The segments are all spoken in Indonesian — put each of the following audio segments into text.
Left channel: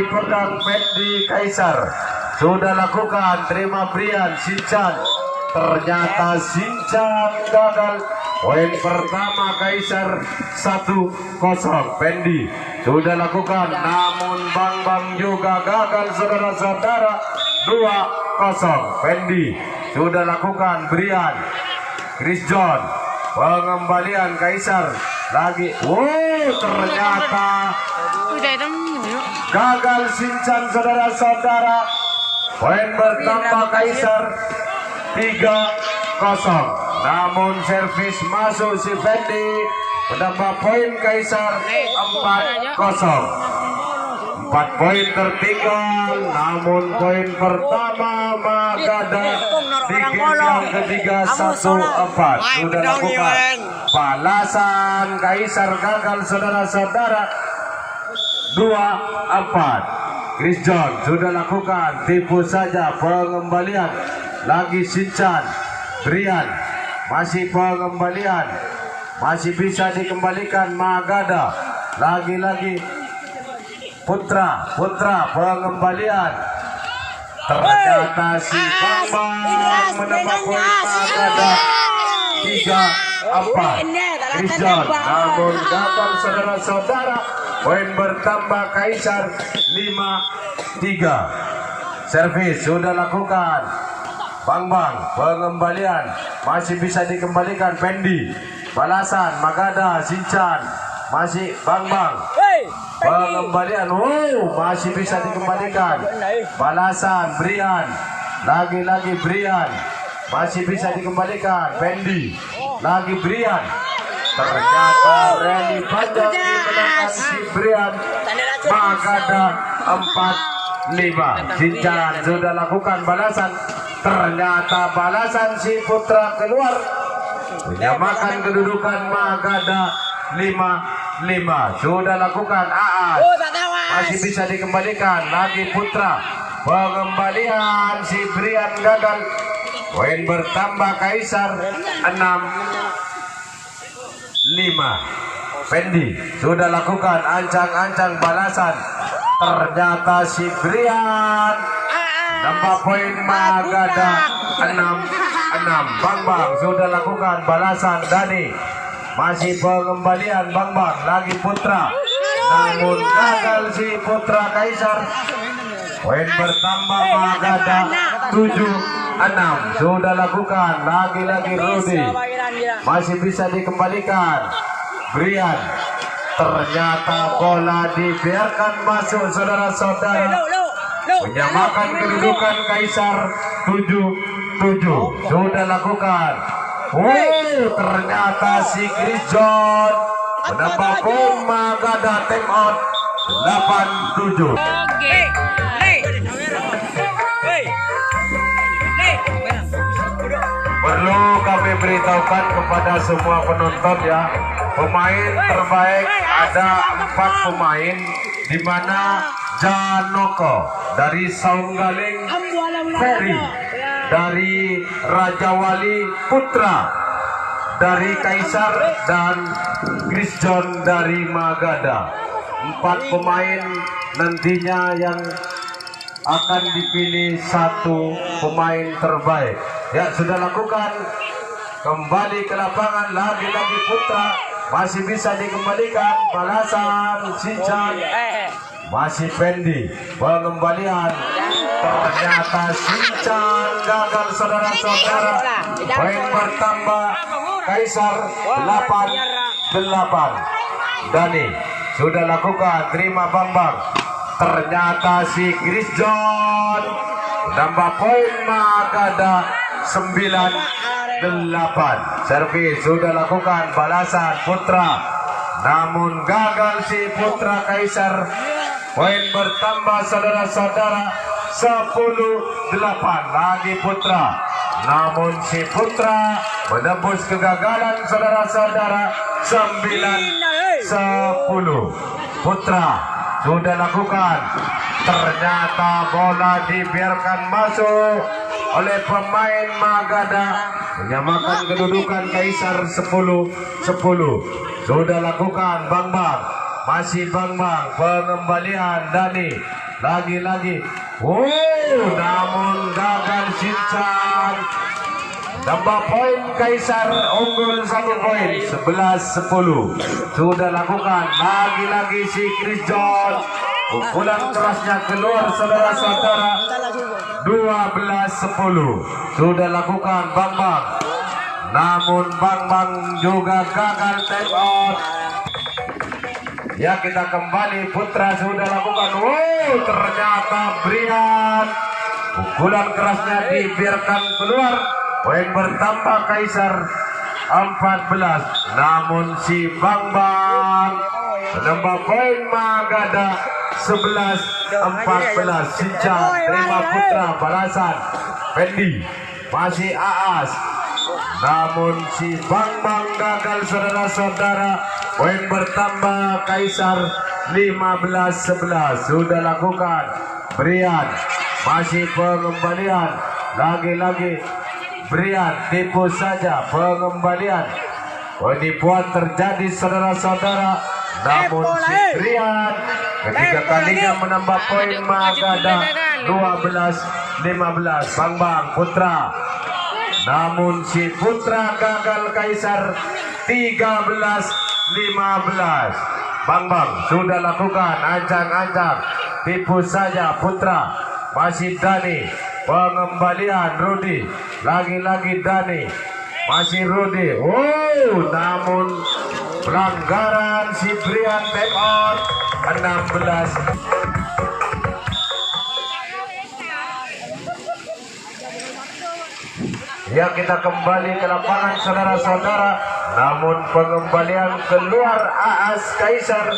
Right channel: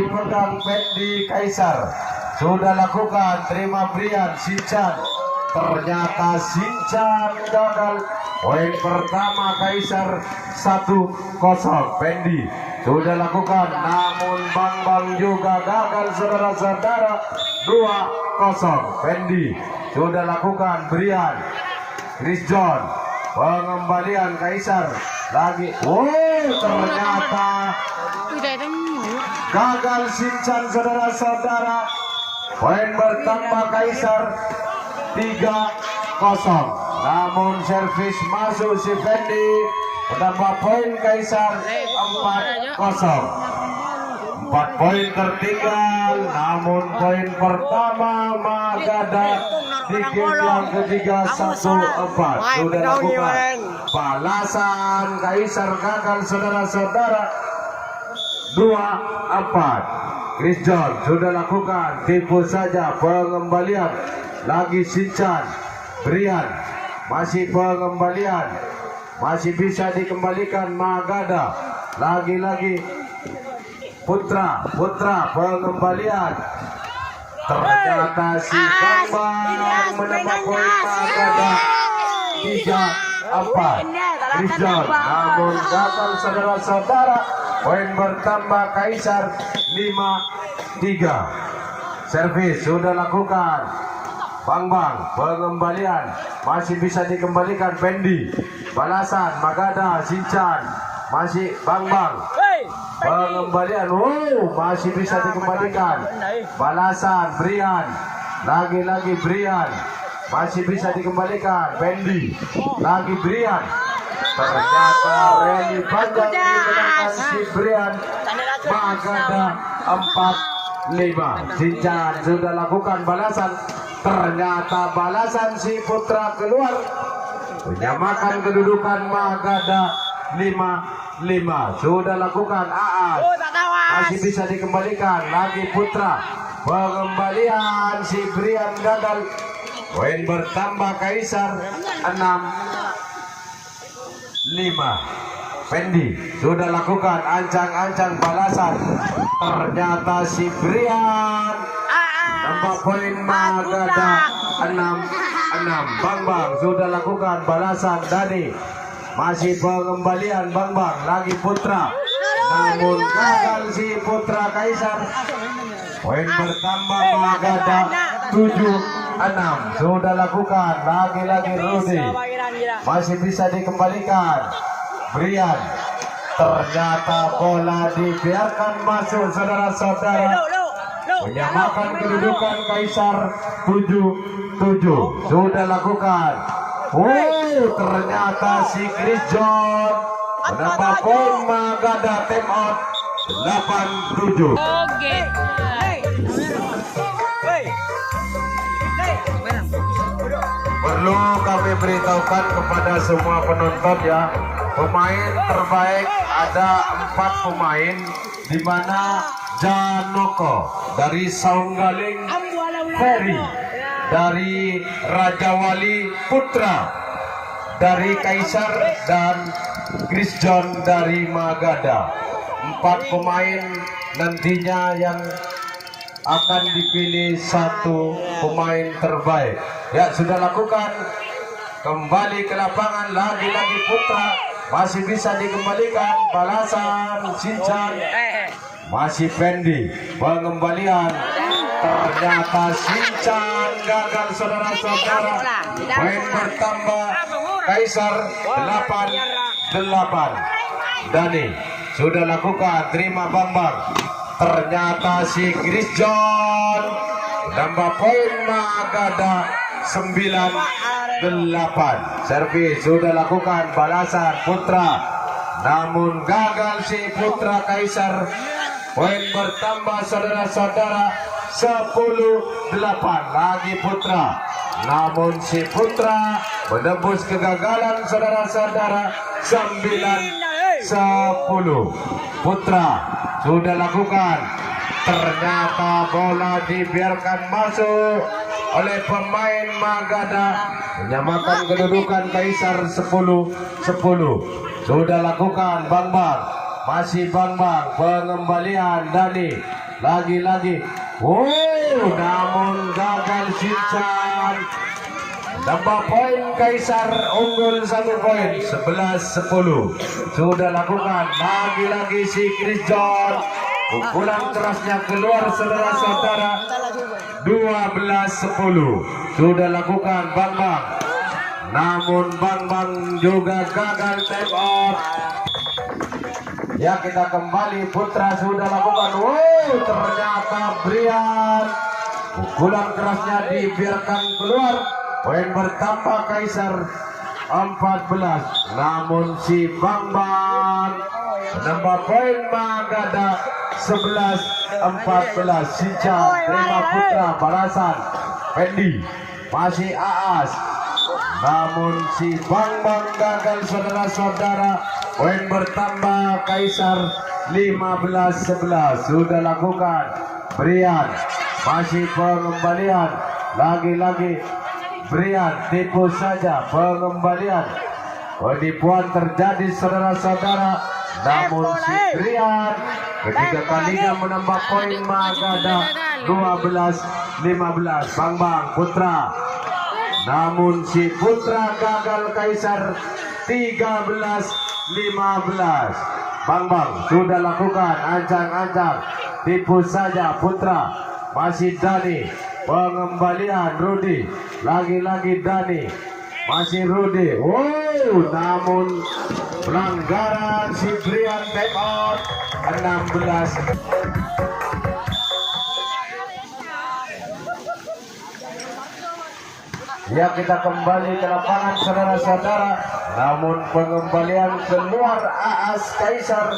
dipegang Fendi Kaisar. Sudah lakukan, terima Brian Sinchan. Ternyata Sinchan gagal. Poin pertama Kaisar 1-0 Fendi. Sudah lakukan, namun Bang juga gagal saudara-saudara. 2-0 Fendi. Sudah lakukan Brian. Chris John. Pengembalian Kaisar lagi. Ternyata gagal Sinchan saudara-saudara. Poin bertambah Kaisar 3-0. Namun servis masuk si Fendi, menambah poin Kaisar 4-0. 4 poin tertinggal, namun poin pertama Magada di game yang ketiga 1-4. Sudah lakukan balasan Kaisar gagal saudara-saudara 2-4. Chris John sudah lakukan, tipu saja pengembalian lagi Sinchan. Brian masih pengembalian, masih bisa dikembalikan Magada. Lagi-lagi Putra pengembalian. Ternyata si Bambang menambah poin Magada 3-4. Chris John namun gagal saudara-saudara. Poin bertambah Kaisar 5-3. Servis sudah lakukan. Bambang pengembalian masih bisa dikembalikan Fendi. Balasan Magada Sinchan. Masih Bambang pengembalian. Masih bisa dikembalikan. Balasan Brian. Lagi-lagi Brian. Masih bisa dikembalikan Fendi. Lagi Brian. Ternyata rally panjang dimenangkan si Brian. Magada 4-5. Sinchan sudah lakukan balasan. Ternyata balasan si Putra keluar. Menyamakan kedudukan Magada 5-5. Sudah lakukan Aas. Masih bisa dikembalikan. Lagi Putra. Pengembalian si Brian gagal. Poin bertambah Kaisar 6-5. Fendi sudah lakukan ancang-ancang balasan. Ternyata si Brian nambah poin Magada 6-6. Bambang sudah lakukan balasan. Dani masih pengembalian Bambang. Lagi Putra namun gagal si Putra Kaisar. Poin bertambah Magada 7-6. Sudah lakukan. Lagi-lagi Rudy masih bisa dikembalikan. Brian. Ternyata bola dibiarkan masuk saudara-saudara. Menyamakan kedudukan Kaisar 7-7. Sudah lakukan. Ternyata si Chris John menambah poin Magada time out 8-7. Perlu kami beritahukan kepada semua penonton ya, pemain terbaik ada 4 pemain, di mana Janoko dari Saunggaling, Ferry dari Raja Wali, Putra dari Kaisar, dan Chris John dari Magada. 4 pemain nantinya yang akan dipilih 1 pemain terbaik. Ya, sudah lakukan. Kembali ke lapangan. Lagi-lagi Putra masih bisa dikembalikan. Balasan Sinchan. Masih Fendi. Pengembalian. Ternyata Sinchan gagal saudara-saudara. Poin bertambah Kaisar 8-8. Dani sudah lakukan. Terima Bambang. Ternyata si Chris John nambah poin Magada 9-8. Servis sudah lakukan balasan Putra, namun gagal si Putra Kaisar. Poin bertambah saudara-saudara 10-8. Lagi Putra, namun si Putra menembus kegagalan saudara-saudara 9-10. Putra sudah lakukan. Ternyata bola dibiarkan masuk oleh pemain Magada, menyamakan kedudukan Kaisar 10-10. Sudah lakukan Bambang. Masih Bambang. Pengembalian Dani. lagi-lagi. Namun gagal Sincan. Nambah poin Kaisar unggul 1 poin, 11-10. Sudah lakukan lagi-lagi si Chris John. Pukulan kerasnya keluar saudara-saudara. 12-10. Sudah lakukan Bang Bang. Namun Bang Bang juga gagal time out. Ya, kita kembali. Putra sudah lakukan. Ternyata Brian. Pukulan kerasnya dibiarkan keluar. Poin bertambah Kaisar 14. Namun si Bang Bang menambah poin Magada 11-14. Sincan terima Putra balasan. Fendi masih Aas. Namun si Bang Bang gagal saudara-saudara. Poin bertambah Kaisar 15-11. Sudah lakukan Brian. Masih pengembalian. Lagi-lagi Brian tipu saja pengembalian. Penipuan terjadi saudara-saudara. Namun si Brian ketiga kalinya menambah poin Magada 12-15. Bang Bang Putra. Namun si Putra gagal Kaisar 13-15. Bang Bang sudah lakukan ancang-ancang. Tipu saja Putra. Masih Dani. Pengembalian Rudi. Lagi-lagi Dani. Masih Rudi. Namun pelanggaran si Brian take out 16. Ya, kita kembali ke lapangan saudara-saudara. Namun pengembalian keluar Aas Kaisar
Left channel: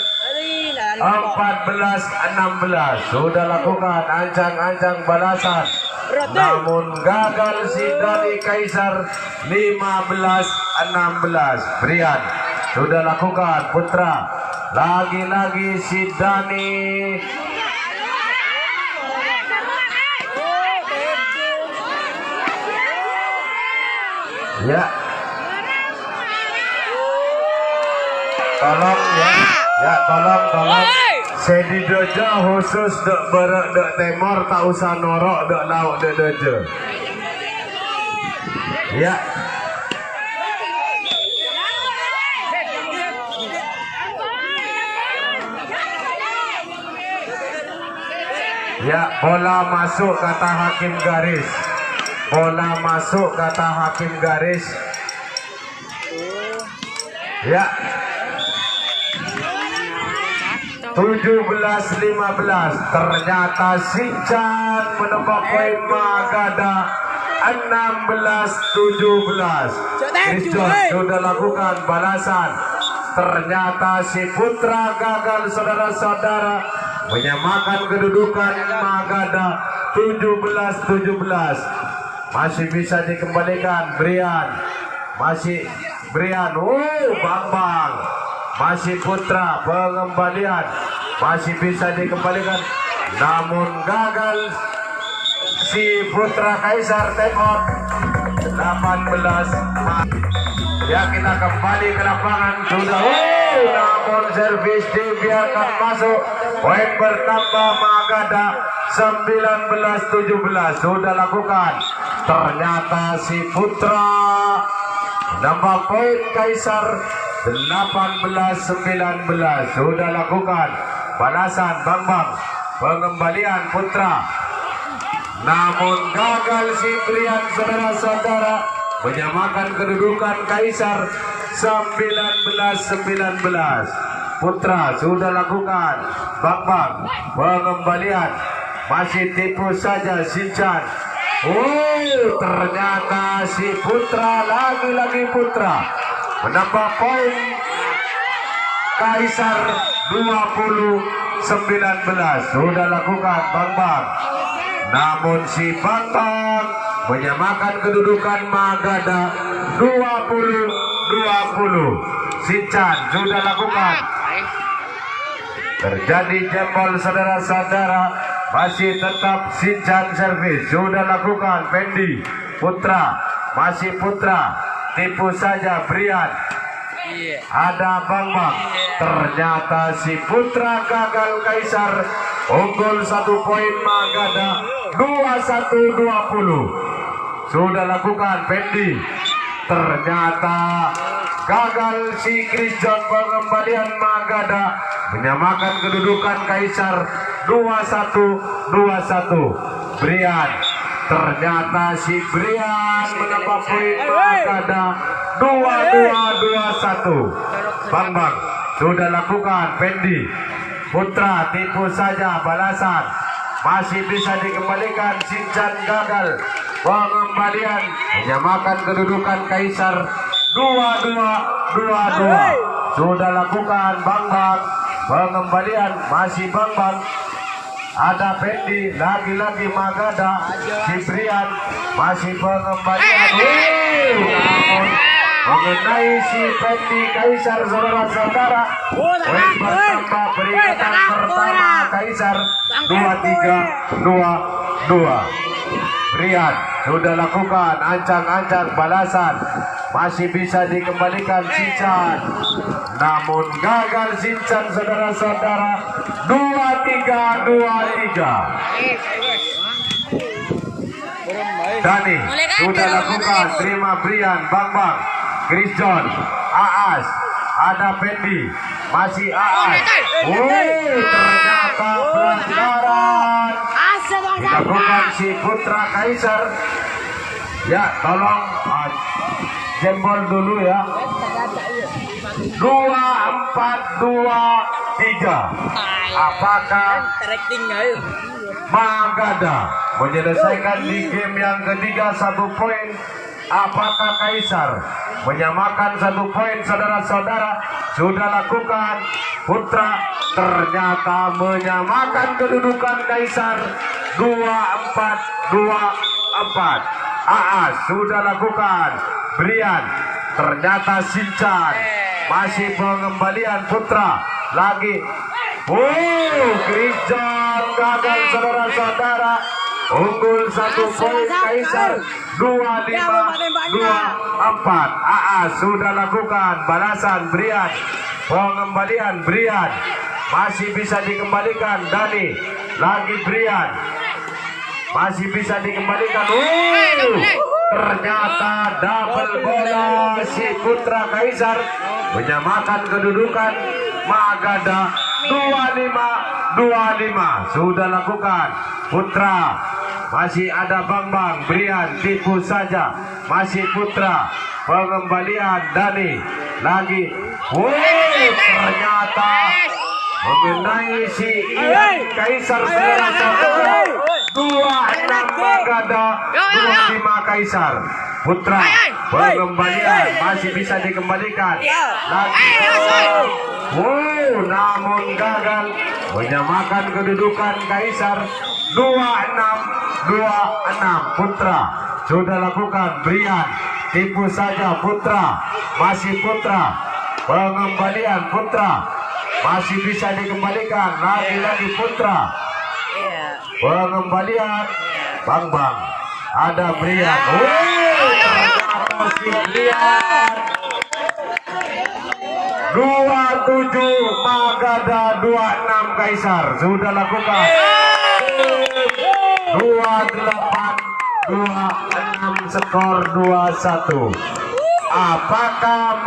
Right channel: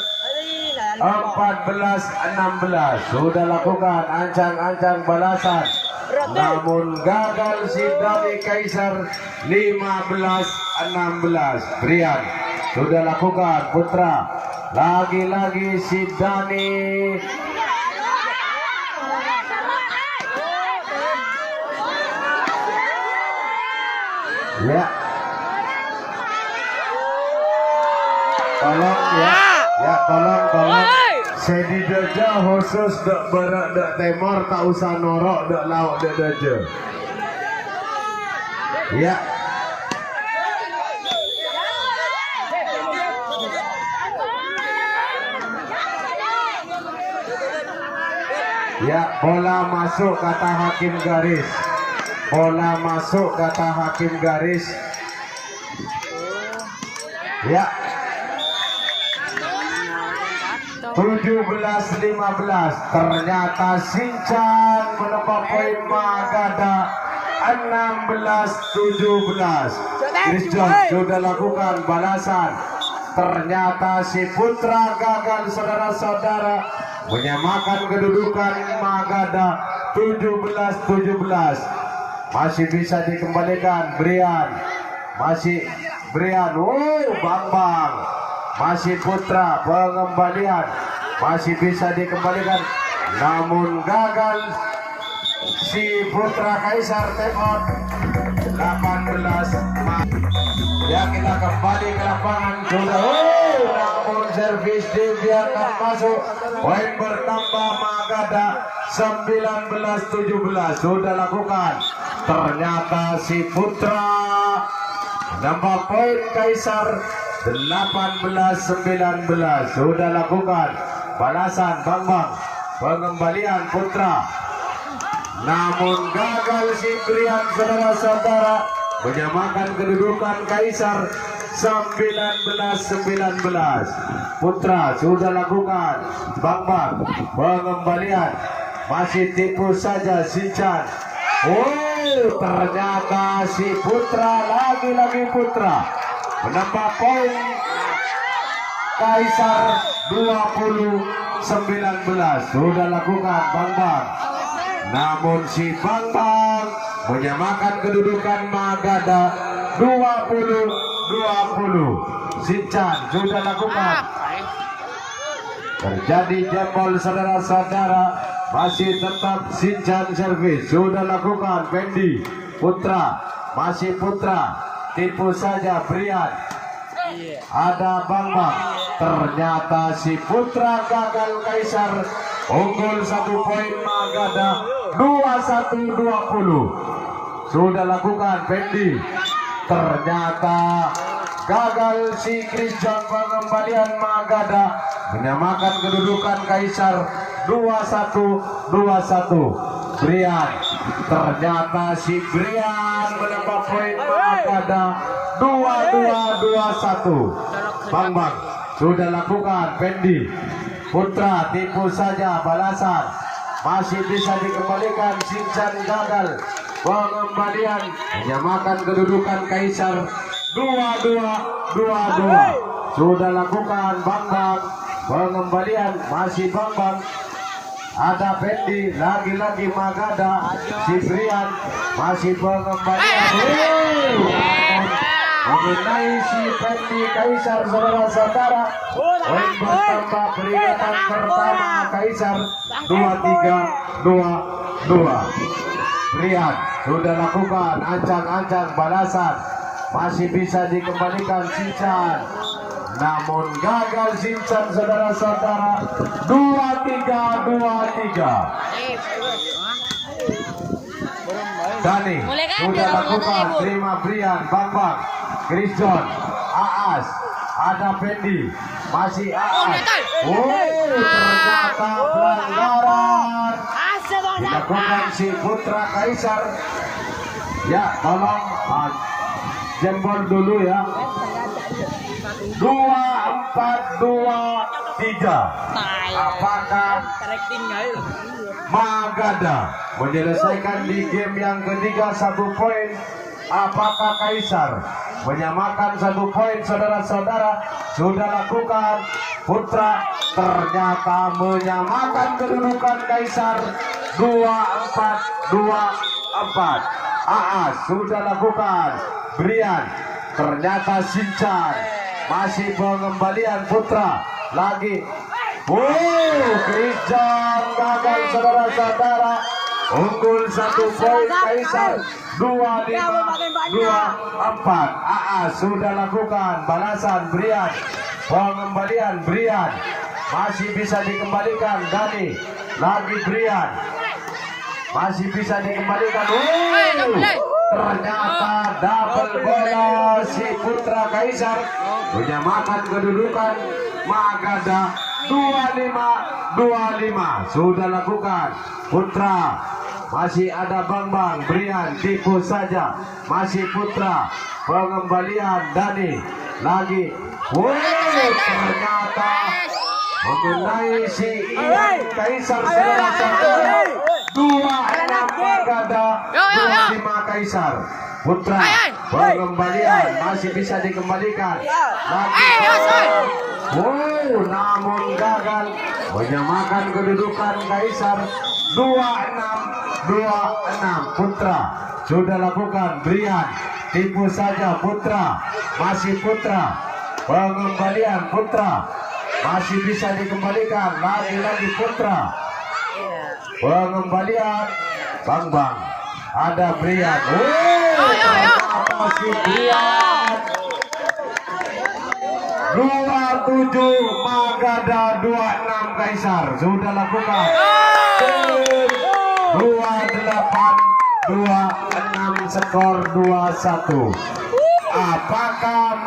14-16. Sudah lakukan ancang-ancang balasan. Namun gagal si Dani Kaisar 15-16. Brian sudah lakukan Putra. Lagi-lagi si Dani. Ya. Tolong ya. Ya, tolong. Sedi dojo khusus dek berak dek temor, tak usah norok dek lauk dek dojo. Ya. Ya, bola masuk kata hakim garis. Bola masuk kata hakim garis. Ya. 17-15. Ternyata Sincan menambah poin Magada 16-17. Christian sudah lakukan balasan. Ternyata si Putra gagal saudara-saudara, menyamakan kedudukan Magada 17-17. Masih bisa dikembalikan Brian. Masih Brian. Bang Bang. Masih Putra pengembalian. Masih bisa dikembalikan. Namun gagal si Putra Kaisar take out 18. Ya, kita kembali ke lapangan. Sudah namun servis dibiarkan masuk. Poin bertambah Magada 19-17. Sudah lakukan. Ternyata si Putra nambah poin Kaisar 18-19. Sudah lakukan balasan Bang Bang. Pengembalian Putra. Namun gagal si Brian saudara-saudara, menyamakan kedudukan Kaisar 19-19. Putra sudah lakukan Bang Bang. Pengembalian. Masih tipu saja Sincan. Ternyata si Putra, lagi-lagi Putra menambah poin Kaisar 20-19. Sudah lakukan Bang Bang. Namun si Bang Bang menyamakan kedudukan Magada 20-20. Sincan sudah lakukan. Terjadi jempol saudara-saudara. Masih tetap Sincan servis. Sudah lakukan Fendi. Putra. Masih Putra. Tipu saja Brian. Ada Bang Bang. Ternyata si Putra gagal Kaisar unggul 1 poin Magada 21-20. Sudah lakukan Pendi, ternyata gagal si Christian. Pengembalian Magada menyamakan kedudukan Kaisar 21-21. Brian, ternyata si Brian menambah poin Magada 22-21. Bang sudah lakukan Pendi, Putra tipu saja balasan, masih bisa dikembalikan. Sincan gagal, pengembalian menyamakan kedudukan Kaisar 22-22. Sudah lakukan Bang, pengembalian masih Bang. Ada Pendi, lagi-lagi Magada, Ciprian masih pengembalian. Mengenai si Pendi Kaisar, saudara-saudara, poin bertambah, peringatan pertama Kaisar 23-22. Brian sudah lakukan ancang-ancang balasan, masih bisa dikembalikan Sincan, namun gagal Sincan, saudara-saudara. 23-23. Dani sudah lakukan, terima Brian, Bang, Chris John, Aas, ada Pendi, masih Aas. Ternyata pelanggaran dilakukan si Putra Kaisar. Ya, tolong jempol dulu ya. 2-4-2-3. Apakah Magada menyelesaikan di game yang ketiga 1 poin? Apakah Kaisar menyamakan 1 poin, saudara-saudara? Sudah lakukan Putra, ternyata menyamakan kedudukan Kaisar 2-4-2-4. Aas sudah lakukan Brian, ternyata Sincan masih pengembalian Putra lagi. Christian gagal, saudara-saudara. Unggul 1 poin Kaisar 25-24. Aas sudah lakukan balasan Brian, pengembalian Brian masih bisa dikembalikan. Dani lagi Brian masih bisa dikembalikan. Ternyata double bola si Putra Kaisar menyamakan kedudukan Magada 25-25. Sudah lakukan Putra, masih ada Bang, Brian tipu saja, masih Putra, pengembalian Dani lagi. Ternyata mengenai si Ian Kaisar, saudara-saudara. 26 Magada, 25 Kaisar. Putra, pengembalian masih bisa dikembalikan lagi. Namun gagal, menyamakan kedudukan Kaisar 26-26. Putra sudah lakukan, Brian tipu saja, Putra masih Putra, pengembalian Putra masih bisa dikembalikan lagi Putra, pengembalian Bang, ada Brian. Masih Brian. 27 Magada, 26 Kaisar. Sudah lakukan 28-26, skor 21. Apakah